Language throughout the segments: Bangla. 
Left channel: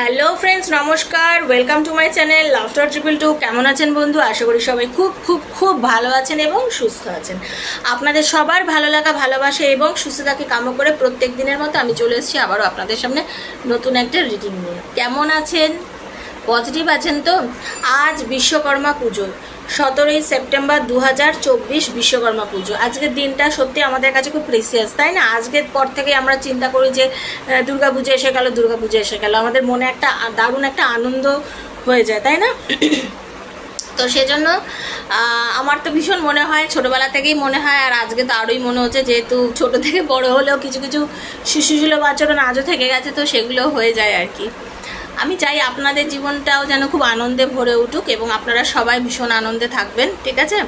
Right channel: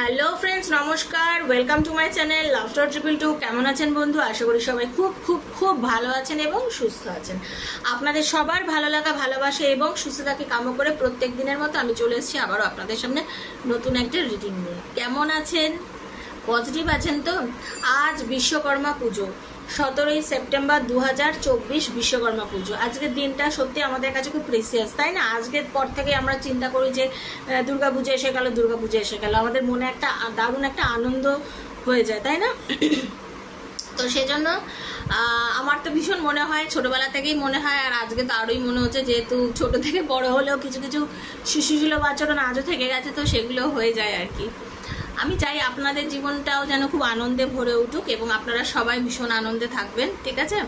হ্যালো ফ্রেন্ডস, নমস্কার। Welcome to my channel Laughter Triple Two. কেমন আছেন বন্ধু? আশা করি সবাই খুব খুব খুব ভালো আছেন এবং সুস্থ আছেন। আপনাদের সবার ভালো লাগা, ভালোবাসা এবং সুস্থতাকে কামনা করে প্রত্যেক দিনের মতো আমি চলে এসেছি আবারও আপনাদের সামনে নতুন একটা রিডিং নিয়ে। কেমন আছেন? পজিটিভ আছেন তো? আজ বিশ্বকর্মা পুজো, 17ই সেপ্টেম্বর 2024 বিশ্বকর্মা পুজো। আজকের দিনটা সত্যি আমাদের কাছে খুব প্রেসিয়াস, তাই না? আজকের পর থেকে আমরা চিন্তা করি যে দুর্গা পুজো এসে গেল, দুর্গা পুজো এসে গেল, আমাদের মনে একটা দারুণ একটা আনন্দ হয়ে যায়, তাই না? তো সেজন্য আমার তো ভীষণ মনে হয়, ছোটোবেলা থেকেই মনে হয়, আর আজকে তো আরোই মনে হচ্ছে, যেহেতু ছোটো থেকে বড় হলেও কিছু কিছু শিশুসুলভ আচরণ আজও থেকে গেছে, তো সেগুলো হয়ে যায় আর কি। আমি চাই আপনাদের জীবনটাও যেন খুব আনন্দে ভরে উঠুক এবং আপনারা সবাই ভীষণ আনন্দে থাকবেন, ঠিক আছে?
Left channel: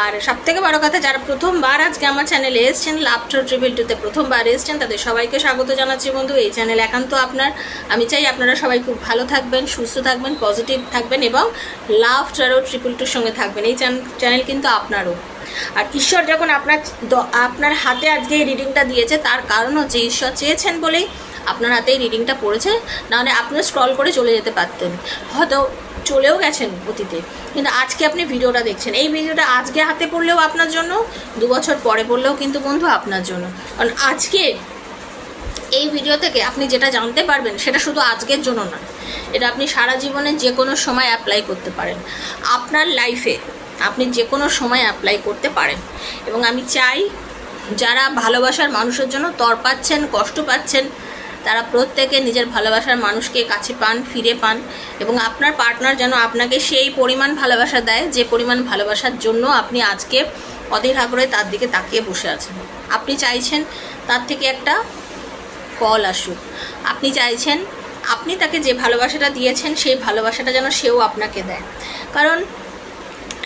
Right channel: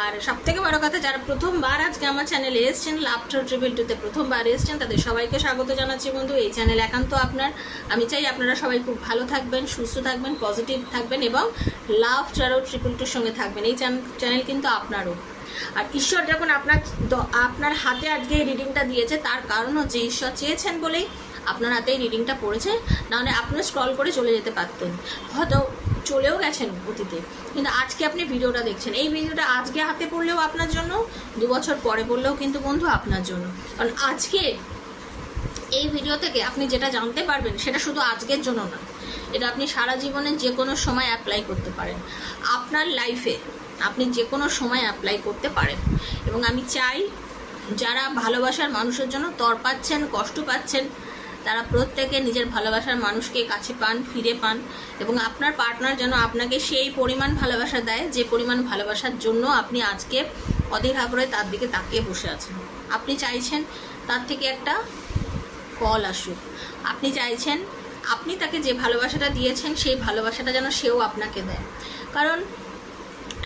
আর সবথেকে বড় কথা, যারা প্রথমবার আজকে আমার চ্যানেলে এসেছেন, লাফটার ট্রিপল টুতে প্রথমবার এসেছেন, তাদের সবাইকে স্বাগত জানাচ্ছি বন্ধু। এই চ্যানেল একান্ত আপনার। আমি চাই আপনারা সবাই খুব ভালো থাকবেন, সুস্থ থাকবেন, পজিটিভ থাকবেন এবং লাফটার ট্রিপল টুর সঙ্গে থাকবেন। এই চ্যানেল কিন্তু আপনারও। আর ঈশ্বর যখন আপনার হাতে আজকে এই রিডিংটা দিয়েছে, তার কারণ হচ্ছে ঈশ্বর চেয়েছেন বলেই আপনার হাতে এই রিডিংটা পড়েছে। নাহলে আপনি স্ক্রল করে চলে যেতে পারতেন, হয়তো চলেও গেছেন অতীতে, কিন্তু আজকে আপনি ভিডিওটা দেখছেন। এই ভিডিওটা আজকে হাতে পড়লেও আপনার জন্য, 2 বছর পরে পড়লেও কিন্তু বন্ধু আপনার জন্য। কারণ আজকে এই ভিডিও থেকে আপনি যেটা জানতে পারবেন, সেটা শুধু আজকের জন্য না, এটা আপনি সারা জীবনে যে কোনো সময় অ্যাপ্লাই করতে পারেন। আপনার লাইফে আপনি যে কোনো সময় অ্যাপ্লাই করতে পারেন। এবং আমি চাই যারা ভালোবাসার মানুষের জন্য তড়পাচ্ছেন, কষ্ট পাচ্ছেন, তারা প্রত্যেকে নিজের ভালোবাসার মানুষকে কাছে পান, ফিরে পান, এবং আপনার পার্টনার যেন আপনাকে সেই পরিমাণ ভালোবাসা দেয় যে পরিমাণ ভালোবাসার জন্য আপনি আজকে অধীর আগ্রহে তার দিকে তাকিয়ে বসে আছেন। আপনি চাইছেন তার থেকে একটা ফল আসুক। আপনি চাইছেন আপনি তাকে যে ভালোবাসাটা দিয়েছেন, সেই ভালোবাসাটা যেন সেও আপনাকে দেয়। কারণ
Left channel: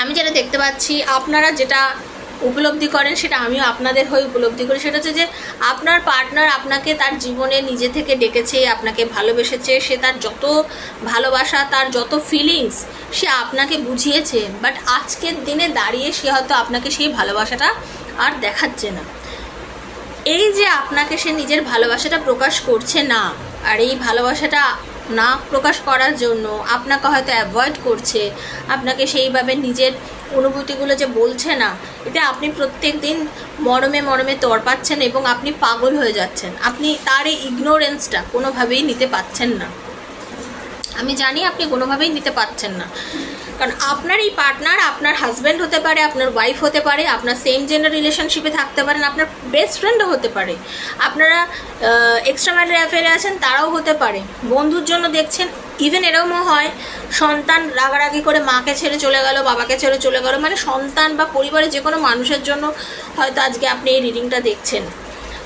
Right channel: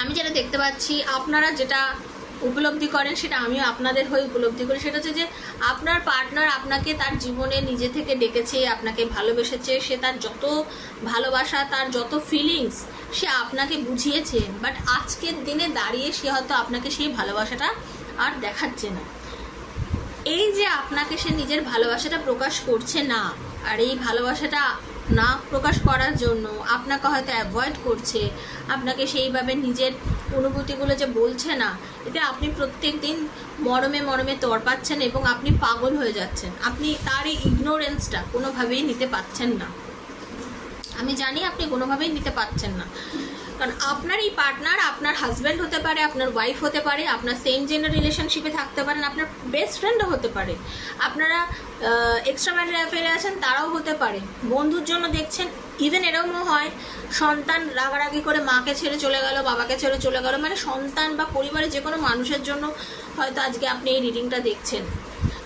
আমি যেটা দেখতে পাচ্ছি, আপনারা যেটা উপলব্ধি করেন, সেটা আমিও আপনাদের হয়ে উপলব্ধি করি। সেটা হচ্ছে যে আপনার পার্টনার আপনাকে তার জীবনে নিজে থেকে ডেকেছে, আপনাকে ভালোবেসেছে, সে তার যত ভালোবাসা, তার যত ফিলিংস সে আপনাকে বুঝিয়েছে। বাট আজকের দিনে দাঁড়িয়ে সে হয়তো আপনাকে সেই ভালোবাসাটা আর দেখাচ্ছে না। এই যে আপনাকে সে নিজের ভালোবাসাটা প্রকাশ করছে না, আর এই ভালোবাসাটা না প্রকাশ করার জন্য আপনাকে হয়তো অ্যাভয়েড করছে, আপনাকে সেইভাবে নিজের অনুভূতিগুলো যে বলছে না, এটা আপনি প্রত্যেক দিন মরমে মরমে তড়পাচ্ছেন এবং আপনি পাগল হয়ে যাচ্ছেন। আপনি তার এই ইগনোরেন্সটা কোনোভাবেই নিতে পারছেন না। আমি জানি আপনি কোনোভাবেই নিতে পারছেন না, কারণ আপনার এই পার্টনার আপনার হাজব্যান্ড হতে পারে, আপনার ওয়াইফ হতে পারে, আপনার সেম জেন্ডার রিলেশনশিপে থাকতে পারেন, আপনার বেস্ট ফ্রেন্ডও হতে পারে, আপনারা এক্সট্রা ম্যারিটাল অ্যাফেয়ারে আছেন তারাও হতে পারে, বন্ধুর জন্য দেখছেন। ইভেন এরকমও হয়, সন্তান রাগারাগি করে মাকে ছেড়ে চলে গেল, বাবাকে ছেড়ে চলে গেল, মানে সন্তান বা পরিবারের যে কোনো মানুষের জন্য হয়তো আজকে আপনি এই রিডিংটা দেখছেন।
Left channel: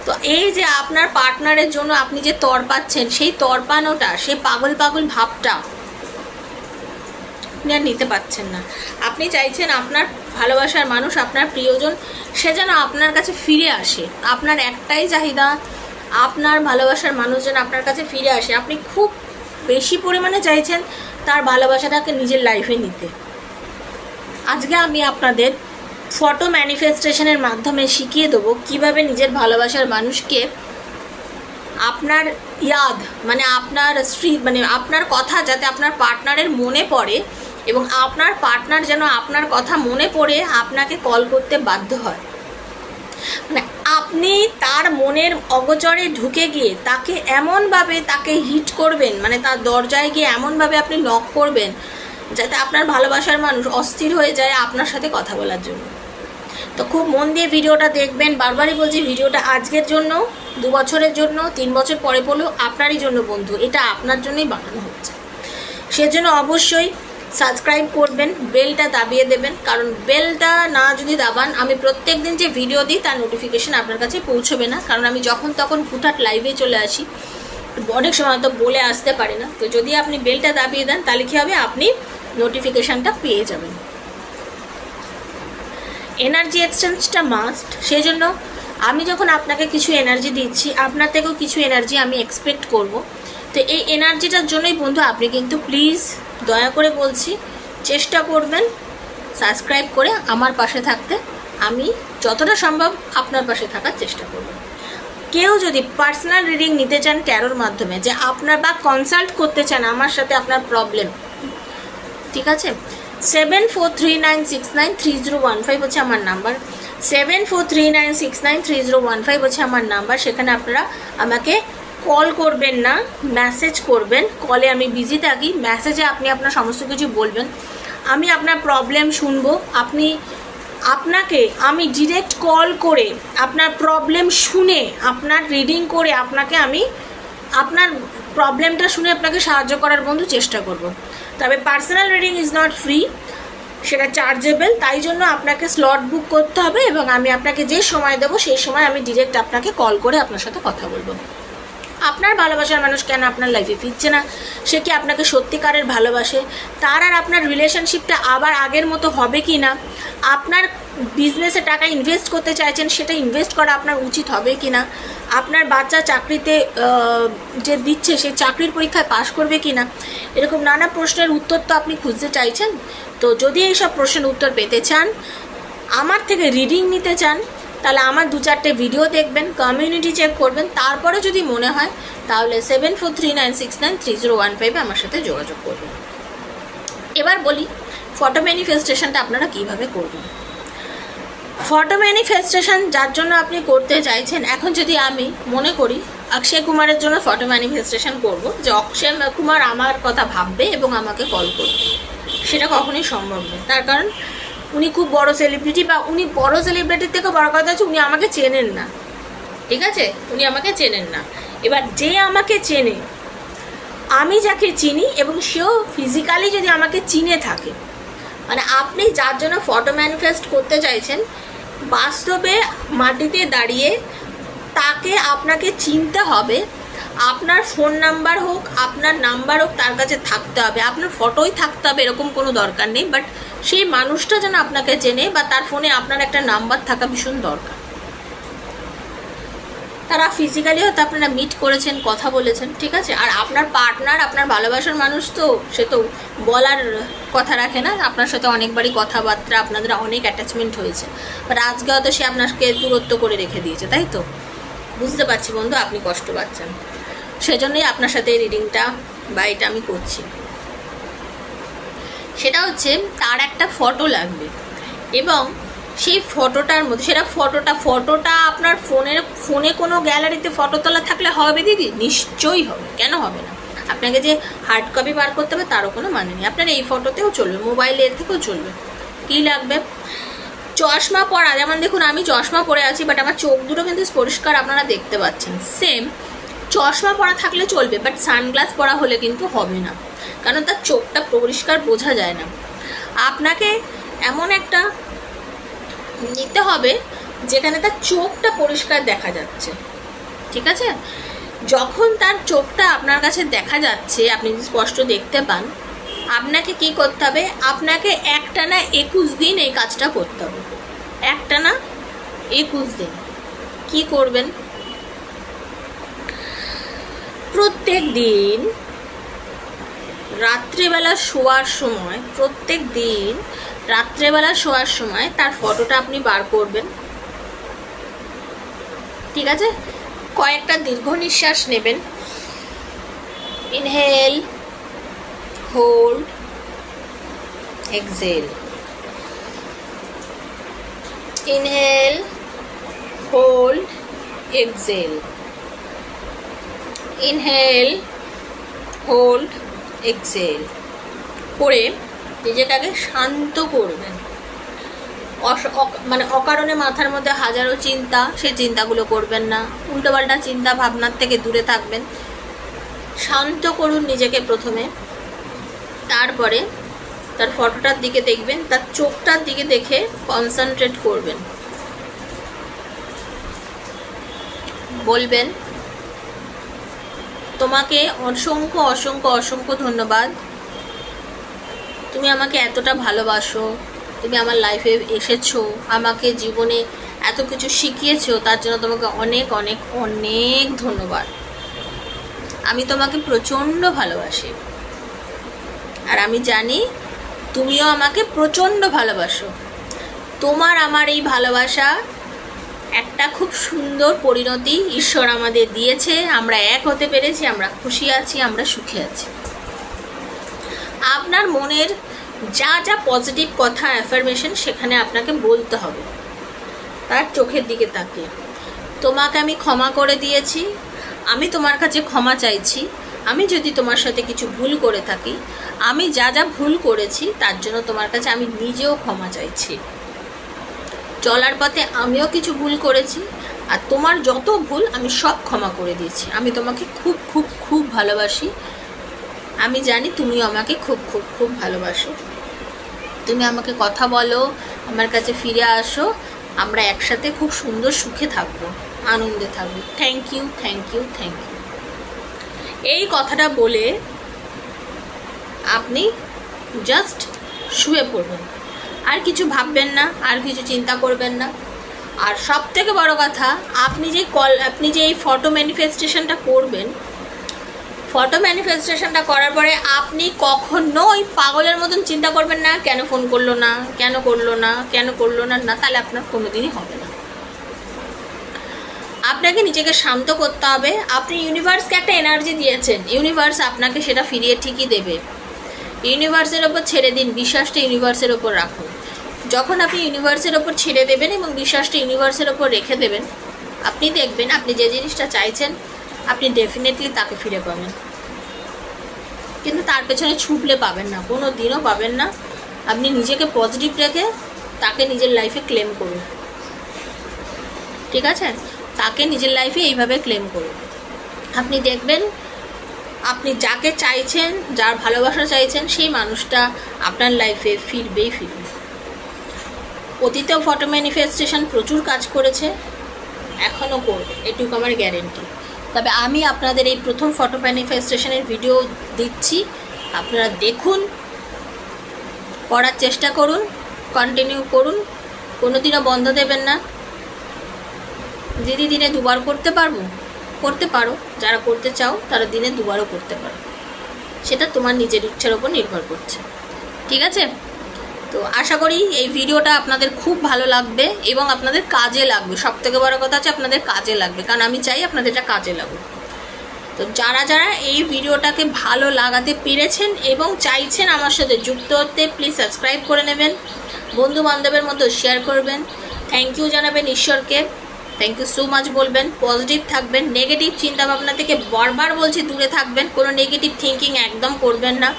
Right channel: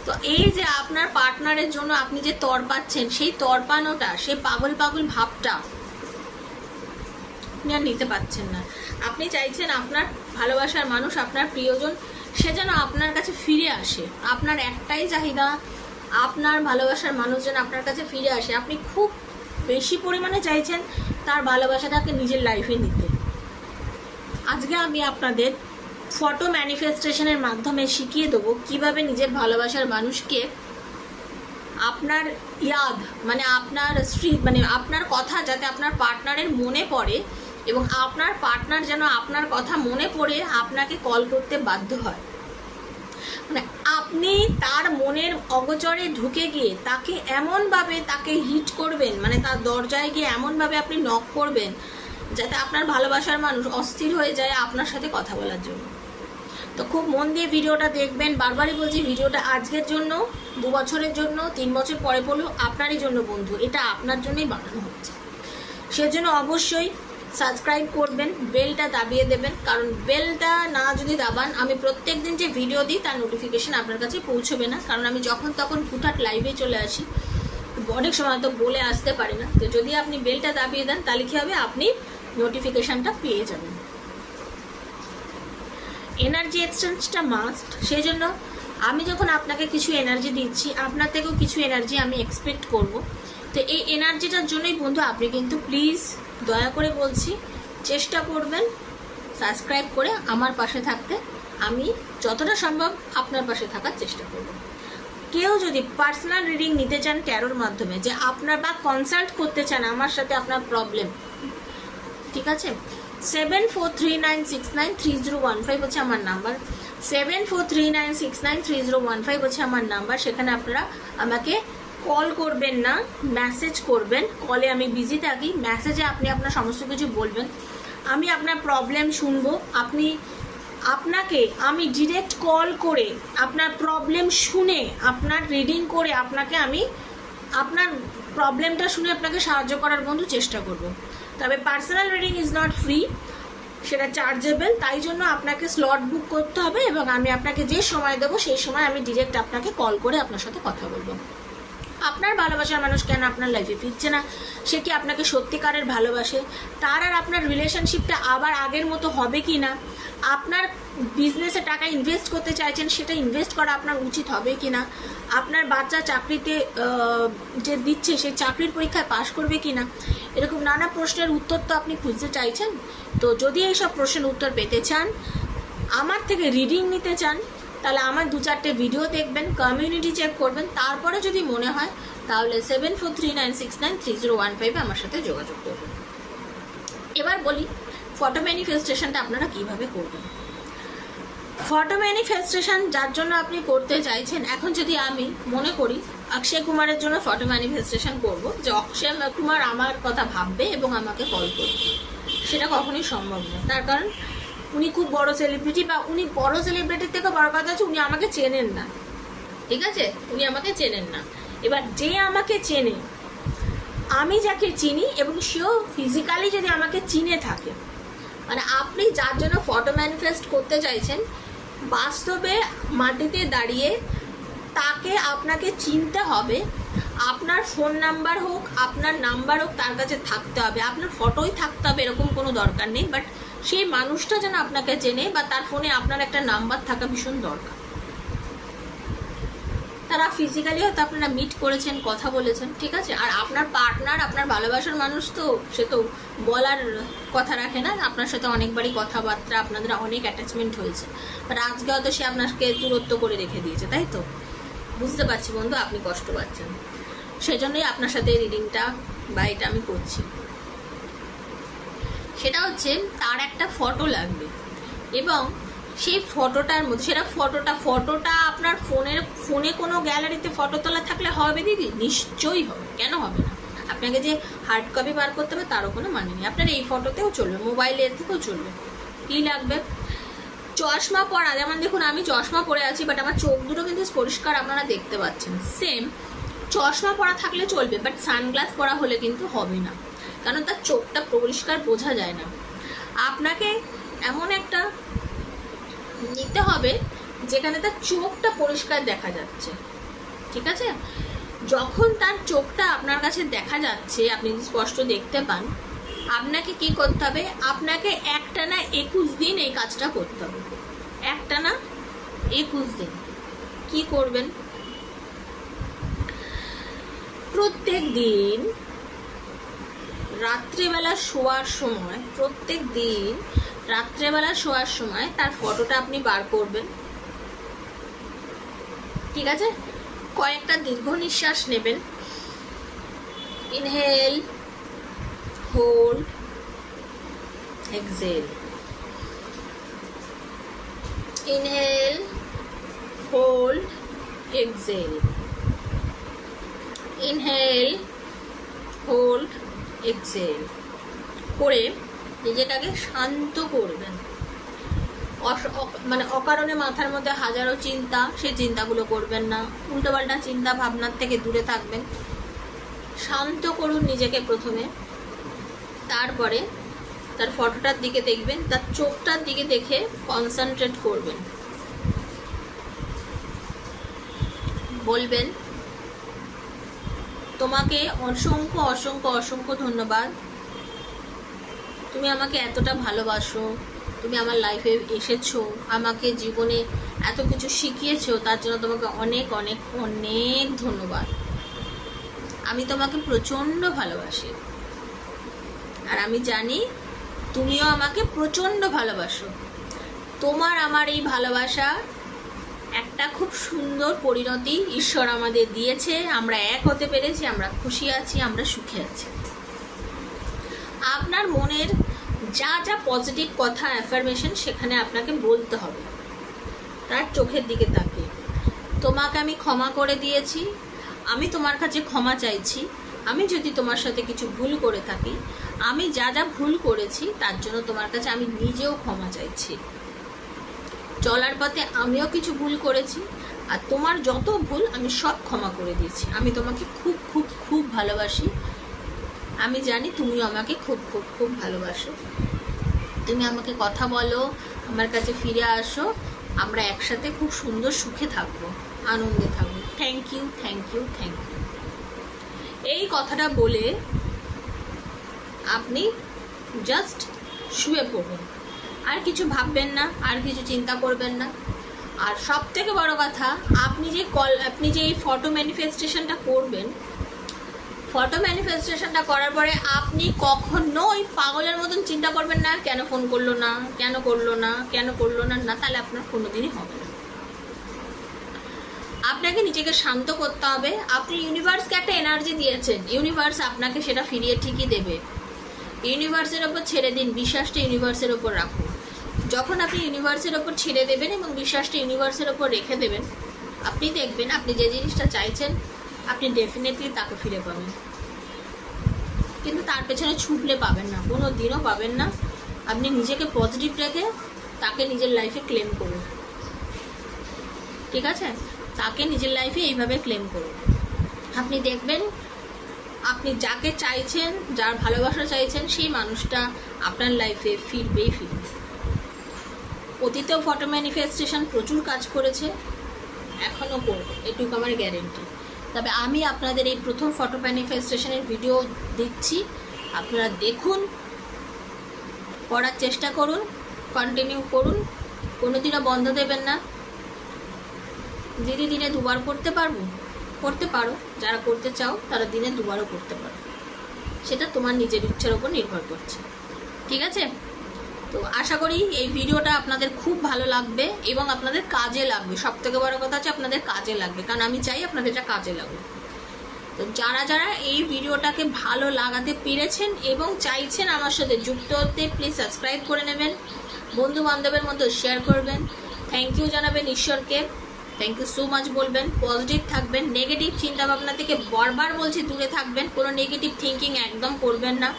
তো এই যে আপনার পার্টনারের জন্য আপনি যে তড়পাচ্ছেন, সেই তড়পানোটা, সেই পাগল পাগল ভাবটা আপনি আর নিতে পারছেন না। আপনি চাইছেন আপনার ভালোবাসার মানুষ, আপনার প্রিয়জন, সে যেন আপনার কাছে ফিরে আসে। আপনার একটাই চাহিদা, আপনার ভালোবাসার মানুষ যেন আপনার কাছে ফিরে আসে। আপনি খুব বেশি পরিমাণে চাইছেন তার ভালোবাসাটাকে নিজের লাইফে নিতে। আজকে আমি আপনাদের ফটো ম্যানিফেস্টেশনের মাধ্যমে শিখিয়ে দেবো কীভাবে নিজের ভালোবাসার মানুষকে আপনার মানে আপনার মানে আপনার কথা যাতে আপনার পার্টনারের মনে পড়ে, এবং আপনার পার্টনার যেন আপনার কথা মনে পড়ে আপনাকে কল করতে বাধ্য হয়। মানে আপনি তার মনের অগোচরে ঢুকে গিয়ে তাকে এমনভাবে তাকে হিট করবেন, মানে তার দরজায় গিয়ে এমনভাবে আপনি নক করবেন যাতে আপনার ভালোবাসার মানুষ অস্থির হয়ে যায় আপনার সাথে কথা বলার জন্য। তো খুব মন দিয়ে ভিডিওটা দেখবেন। বারবারই বলছি, ভিডিওটা আজকের জন্য, 2 বছরের জন্য, 3 বছর পরে পড়লেও আপনারই জন্য বন্ধু, এটা আপনার জন্যই বানানো হচ্ছে। সেজন্য অবশ্যই সাবস্ক্রাইব করবেন, বেলটা দাবিয়ে দেবেন, কারণ বেলটা না যদি দাবান, আমি প্রত্যেক দিন যে ভিডিও দিই তার নোটিফিকেশান আপনার কাছে পৌঁছবে না। কারণ আমি যখন তখন হুটহাট লাইভে চলে আসি, অনেক সময় হয়তো বলে আসতে পারি না। তো যদি আপনি বেলটা দাবিয়ে দেন, তাহলে কী হবে, আপনি নোটিফিকেশানটা পেয়ে যাবেন। এনার্জি এক্সচেঞ্জটা মাস্ট। সেই জন্য আমি যখন আপনাকে কিছু এনার্জি দিচ্ছি, আপনার থেকেও কিছু এনার্জি আমি এক্সপেক্ট করব। তো এই এনার্জিটার জন্যই বন্ধু আপনি কিন্তু প্লিজ দয়া করে বলছি, চেষ্টা করবেন সাবস্ক্রাইব করে আমার পাশে থাকতে। আমি যতটা সম্ভব আপনার পাশে থাকার চেষ্টা করব। কেউ যদি পার্সোনাল রিডিং নিতে চান ট্যারোর মাধ্যমে, যে আপনার বা কনসাল্ট করতে চান আমার সাথে আপনার প্রবলেম, ঠিক আছে, 7439693015 হচ্ছে আমার নাম্বার, 7439693015 হচ্ছে আমার নাম্বার। সেখানে আপনারা আমাকে কল করবেন না, মেসেজ করবেন। কলে আমি বিজি থাকি, মেসেজে আপনি আপনার সমস্ত কিছু বলবেন, আমি আপনার প্রবলেম শুনবো। আপনাকে আমি ডিরেক্ট কল করে আপনার প্রবলেম শুনে, আপনার রিডিং করে আপনাকে আমি আপনার প্রবলেমটা শুনে আপনাকে সাহায্য করার বন্ধু চেষ্টা করব। তবে personal reading is not free, সেটা চার্জেবল। তাই জন্য আপনাকে স্লট বুক করতে হবে এবং আমি আপনাকে যে সময় দেবো সেই সময় আমি ডিরেক্ট আপনাকে কল করে আপনার সাথে কথা বলবো। আপনার ভালোবাসার মানুষ কেন আপনার লাইফে ফিরছে না, সে কি আপনাকে সত্যিকারের ভালোবাসে, তার আর আপনার রিলেশনশিপটা আবার আগের মতো হবে কি না, আপনার বিজনেসে টাকা ইনভেস্ট করতে চাইছেন সেটা ইনভেস্ট করা আপনার উচিত হবে কি না, আপনার বাচ্চা চাকরিতে যে দিচ্ছে সেই চাকরির পরীক্ষায় পাশ করবে কি না, এরকম নানা প্রশ্নের উত্তর তো আপনি খুঁজতে চাইছেন। তো যদি এইসব প্রশ্নের উত্তর পেতে চান, আমার থেকে রিডিং নিতে চান, তাহলে আমার 2-4টে ভিডিও দেখবেন, কমিউনিটি চেক করবেন, তারপরে যদি মনে হয় তাহলে 7439693015 আমার সাথে যোগাযোগ করবেন। এবার বলি ফটো ম্যানিফেস্টেশনটা আপনারা কিভাবে করবেন। ফটো ম্যানিফেস্টেশন যার জন্য আপনি করতে চাইছেন, এখন যদি আমি মনে করি অক্ষয় কুমারের জন্য ফটো ম্যানিফেস্টেশন করব, যে অক্ষয় কুমার আমার কথা ভাববে এবং আমাকে কল করবে, সেটা কখনোই সম্ভব নয়। তার কারণ উনি খুব বড় সেলিব্রিটি, বা উনি বড় সেলিব্রিটির থেকে বড় কথা হচ্ছে উনি আমাকে চেনেন না, ঠিক আছে, উনি আমাকে চেনেন না। এবার যে আমাকে চেনে, আমি যাকে চিনি এবং সেও ফিজিক্যালি যদি আমাকে চিনে থাকে, মানে আপনি যার জন্য ফটো ম্যানিফেস্ট করতে চাইছেন বাস্তবে মাটিতে দাঁড়িয়ে তাকে আপনাকে চিনতে হবে, আপনার ফোন নাম্বার হোক, আপনার নাম্বার হোক, তার কাছে থাকতে হবে, আপনার ফটোই থাকতে হবে এরকম কোনো দরকার নেই, বাট সেই মানুষটা যেন আপনাকে চেনে বা তার ফোনে আপনার একটা নাম্বার থাকা ভীষণ দরকার। তারা ফিজিক্যালি হয়তো আপনারা মিট করেছেন, কথা বলেছেন, ঠিক আছে, আর আপনার পার্টনার, আপনার ভালোবাসার মানুষ তো সে তো বলার কথা রাখে না, আপনার সাথে অনেকবারই কথাবার্তা, আপনাদের অনেক অ্যাটাচমেন্ট হয়েছে, বাট আজকে হয়তো সে আপনাকে দূরত্ব করে রেখে দিয়েছে, তাই তো? বুঝতে পারছি বন্ধু, আপনি কষ্ট পাচ্ছেন, সেজন্যই আপনার সাথে এই রিডিংটা বা এটা আমি করছি। সেটা হচ্ছে তার একটা ফটো লাগবে এবং সেই ফটোটার মধ্যে, সেটা ফটোটা আপনার ফোনে কোনো গ্যালারিতে ফটো তোলা থাকলে হবে দিদি? নিশ্চয়ই হবে, কেন হবে না? আপনাকে যে হার্ড কপি বার করতে হবে তারও কোনো মানে নেই, আপনার এই ফটোতেও চলবে, মোবাইলের থেকেও চলবে। কী লাগবে? চশমা পরা, যেমন দেখুন আমি চশমা পরে আছি, বাট আমার চোখ দুটো কিন্তু পরিষ্কার আপনারা দেখতে পাচ্ছেন, সেম চশমা পরা থাকলে চলবে, বাট সানগ্লাস পরা হলে কিন্তু হবে না, কারণ তার চোখটা পরিষ্কার বোঝা যায় না। আপনাকে এমন একটা নিতে হবে যেখানে তার চোখটা পরিষ্কার দেখা যাচ্ছে, ঠিক আছে? যখন তার চোখটা আপনার কাছে দেখা যাচ্ছে, আপনি স্পষ্ট দেখতে পান, আপনাকে কি করতে হবে? আপনাকে একটানা 21 দিন এই কাজটা করতে হবে, একটানা 21 দিন। কি করবেন? প্রত্যেক দিন রাত্রেবেলা শোয়ার সময়, প্রত্যেক দিন রাত্রেবেলা শোয়ার সময় তার ফটোটা আপনি বার করবেন, ঠিক আছে? কয়েকটা দীর্ঘ নিঃশ্বাস নেবেন, inhale, hold, exhale, inhale, hold, exhale, inhale, hold, exhale করে নিজেকে আগে শান্ত করবেন। মানে অকারণে মাথার মধ্যে হাজারো চিন্তা, সেই চিন্তাগুলো করবেন না, উল্টোপাল্টা চিন্তা ভাবনার থেকে দূরে থাকবেন। শান্ত করুন নিজেকে প্রথমে, তারপরে তার ফটোটার দিকে দেখবেন, তার চোখটার দিকে দেখে কনসেন্ট্রেট করবেন। বলবেন, তোমাকে অসংখ্য অসংখ্য অসংখ্য ধন্যবাদ, তুমি আমাকে এতটা ভালোবাসো, তুমি আমার লাইফে এসেছো, আমাকে জীবনে এত কিছু শিখিয়েছো, তার জন্য তোমাকে অনেক অনেক অনেক ধন্যবাদ। আমি তোমাকে প্রচণ্ড ভালোবাসি, আর আমি জানি তুমিও আমাকে প্রচণ্ড ভালোবাসো। তোমার আমার এই ভালোবাসা একটা খুব সুন্দর পরিণতি ঈশ্বর আমাদের দিয়েছে, আমরা এক হতে পেরেছি, আমরা খুশি আছি, আমরা সুখে আছি। আপনার মনের যা যা পজিটিভ কথা অ্যাফার্মেশন সেখানে আপনাকে বলতে হবে, তার চোখের দিকে তাকিয়ে। তোমাকে আমি ক্ষমা করে দিয়েছি, আমি তোমার কাছে ক্ষমা চাইছি, আমি যদি তোমার সাথে কিছু ভুল করে থাকি, আমি যা যা ভুল করেছি তার জন্য তোমার কাছে আমি নিজেও ক্ষমা চাইছি। চলার পথে আমিও কিছু ভুল করেছি, আর তোমার যত ভুল আমি সব ক্ষমা করে দিয়েছি। আমি তোমাকে খুব খুব খুব ভালোবাসি, আমি জানি তুমিও আমাকে খুব খুব খুব ভালোবাসো। তুমি আমাকে কথা বলো, আমার কাছে ফিরে আসো, আমরা একসাথে খুব সুন্দর সুখে থাকবো, আনন্দে থাকবো। Thank you, thank you, thank you. এই কথাটা বলে আপনি জাস্ট শুয়ে পড়বেন, আর কিছু ভাববেন না, আর কিছু চিন্তা করবেন না। আর সব থেকে বড় কথা, আপনি যে এই ফটো ম্যানিফেস্টেশনটা করবেন, ফটো ম্যানিফেস্টেশনটা করার পরে আপনি কখনোই পাগলের মতন চিন্তা করবেন না, কেন ফোন করলো না, কেন করলো না, কেন করলো না, না, তাহলে আপনার কোনোদিনই হবে না। আপনাকে নিজেকে শান্ত করতে হবে। আপনি ইউনিভার্সকে একটা এনার্জি দিয়েছেন, ইউনিভার্স আপনাকে সেটা ফিরিয়ে ঠিকই দেবে। ইউনিভার্সের ওপর ছেড়ে দিন, বিশ্বাসটা ইউনিভার্সের ওপর রাখুন। যখন আপনি ইউনিভার্সের ওপর ছেড়ে দেবেন এবং বিশ্বাসটা ইউনিভার্সের ওপর রেখে দেবেন, আপনি দেখবেন আপনি যে জিনিসটা চাইছেন আপনি ডেফিনেটলি তাকে ফিরে পাবেন। কিন্তু তার পেছনে ছুটলে পাবেন না, কোনো দিনও পাবেন না। আপনি নিজেকে পজিটিভ রেখে তাকে নিজের লাইফে ক্লেম করুন, ঠিক আছে? তাকে নিজের লাইফে এইভাবে ক্লেম করুন। আপনি দেখবেন আপনি যাকে চাইছেন, যার ভালোবাসা চাইছেন, সেই মানুষটা আপনার লাইফে ফিরবেই ফিরবে। অতীতেও ফটো ম্যানিফেস্টেশন প্রচুর কাজ করেছে, এখনও করবে, এটুকু আমার গ্যারেন্টি। তবে আমি আপনাদের এই প্রথম ফটো ম্যানিফেস্টেশনের ভিডিও দিচ্ছি, আপনারা দেখুন, করার চেষ্টা করুন, কন্টিনিউ করুন, কোনোদিনও বন্ধ দেবেন না। দিদি দিনে দুবার করতে পারবো, করতে পারো, যারা করতে চাও তারা দিনে দুবারও করতে পারো, সেটা তোমার নিজের ইচ্ছার ওপর নির্ভর করছে, ঠিক আছে? তো আশা করি এই ভিডিওটা আপনাদের খুব ভালো লাগবে এবং আপনাদের কাজে লাগবে। সব থেকে বড় কথা হচ্ছে আপনাদের কাজে লাগবে, কারণ আমি চাই আপনাদের এটা কাজে লাগুক। তো যারা যারা এই ভিডিওটাকে ভালো লাগাতে পেরেছেন এবং চাইছেন আমার সাথে যুক্ত হতে, প্লিজ সাবস্ক্রাইব করে নেবেন, বন্ধু বান্ধবের মধ্যে শেয়ার করবেন, থ্যাংক ইউ জানাবেন ঈশ্বরকে, থ্যাংক ইউ সো মাচ বলবেন, পজিটিভ থাকবেন, নেগেটিভ চিন্তাভাবনা থেকে বারবার বলছি দূরে থাকবেন, কোনো নেগেটিভ থিঙ্কিং একদম করবেন না।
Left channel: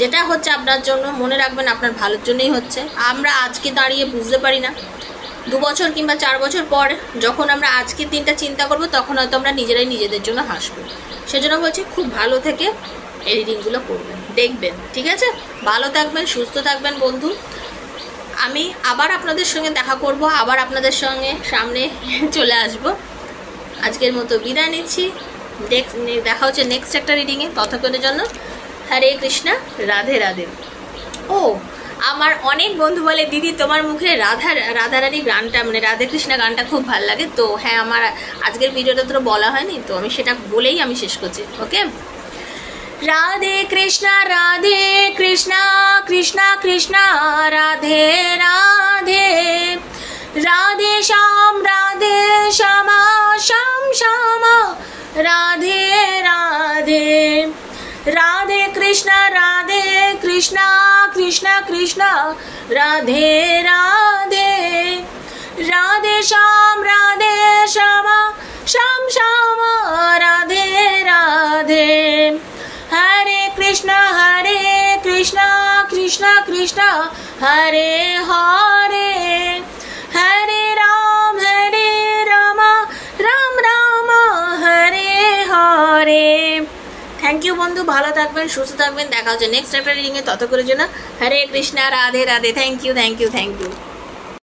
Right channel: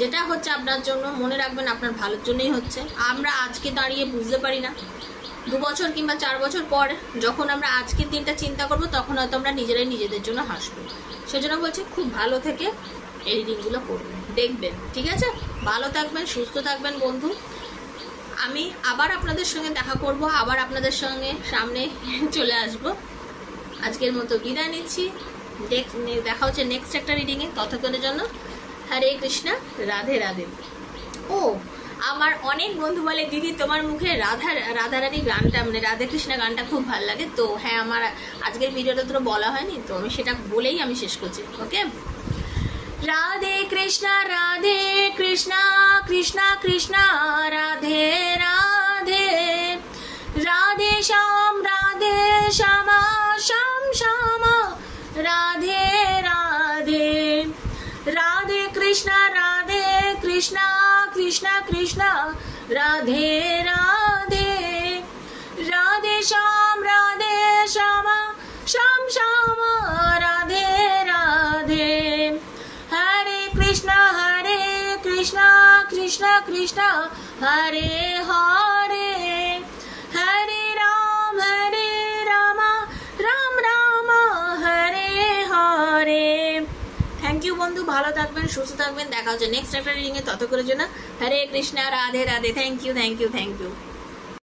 যেটা হচ্ছে আপনার জন্য, মনে রাখবেন আপনার ভালোর জন্যই হচ্ছে। আমরা আজকে দাঁড়িয়ে বুঝতে পারি না, 2 বছর কিংবা 4 বছর পর যখন আমরা আজকের দিনটা চিন্তা করব, তখন হয়তো আমরা নিজেরাই নিজেদের জন্য হাসবো। সেজন্য বলছি খুব ভালো থেকে এডিটিংগুলো করবেন, দেখবেন, ঠিক আছে? ভালো থাকবেন, সুস্থ থাকবেন বন্ধু। আমি আবার আপনাদের সঙ্গে দেখা করব, আবার আপনাদের সঙ্গে সামনে চলে আসব। আজকের মতো বিদায় নিচ্ছি, দেখা হচ্ছে নেক্সট একটা রিডিংয়ে। ততক্ষণের জন্য হরে কৃষ্ণা, রাধে রাধে। ও, আমার অনেক বন্ধু বলে দিদি তোমার মুখে রাধারানী গানটা, মানে রাধে কৃষ্ণা গানটা খুব ভালো লাগে। তো হ্যাঁ, আমার আজকের ভিডিওটা তো বলা হয়নি, তো আমি সেটা বলেই আমি শেষ করছি। ওকে, রাধে কৃষ্ণা কৃষ্ণা কৃষ্ণা রাধে রাধে, রাধে শ্যামা শ্যাম শ্যামা রাধে রাধে, রাধে কৃষ্ণা কৃষ্ণা কৃষ্ণা রাধে রাধে, রাধে শ্যামা শ্যাম শ্যামা রাধে রাধে, হরে কৃষ্ণ কৃষ্ণ কৃষ্ণ হরে হরে, হরে রাম রাম রাম হরে হরে। থ্যাংক ইউ বন্ধু, ভালো থাকবেন, সুস্থ থাকবেন, দেখা হচ্ছে নেক্সট একটা রিডিংয়ে। ততক্ষণের জন্য Hare Krishna, Radhe Radhe. Thank you, thank you, thank you.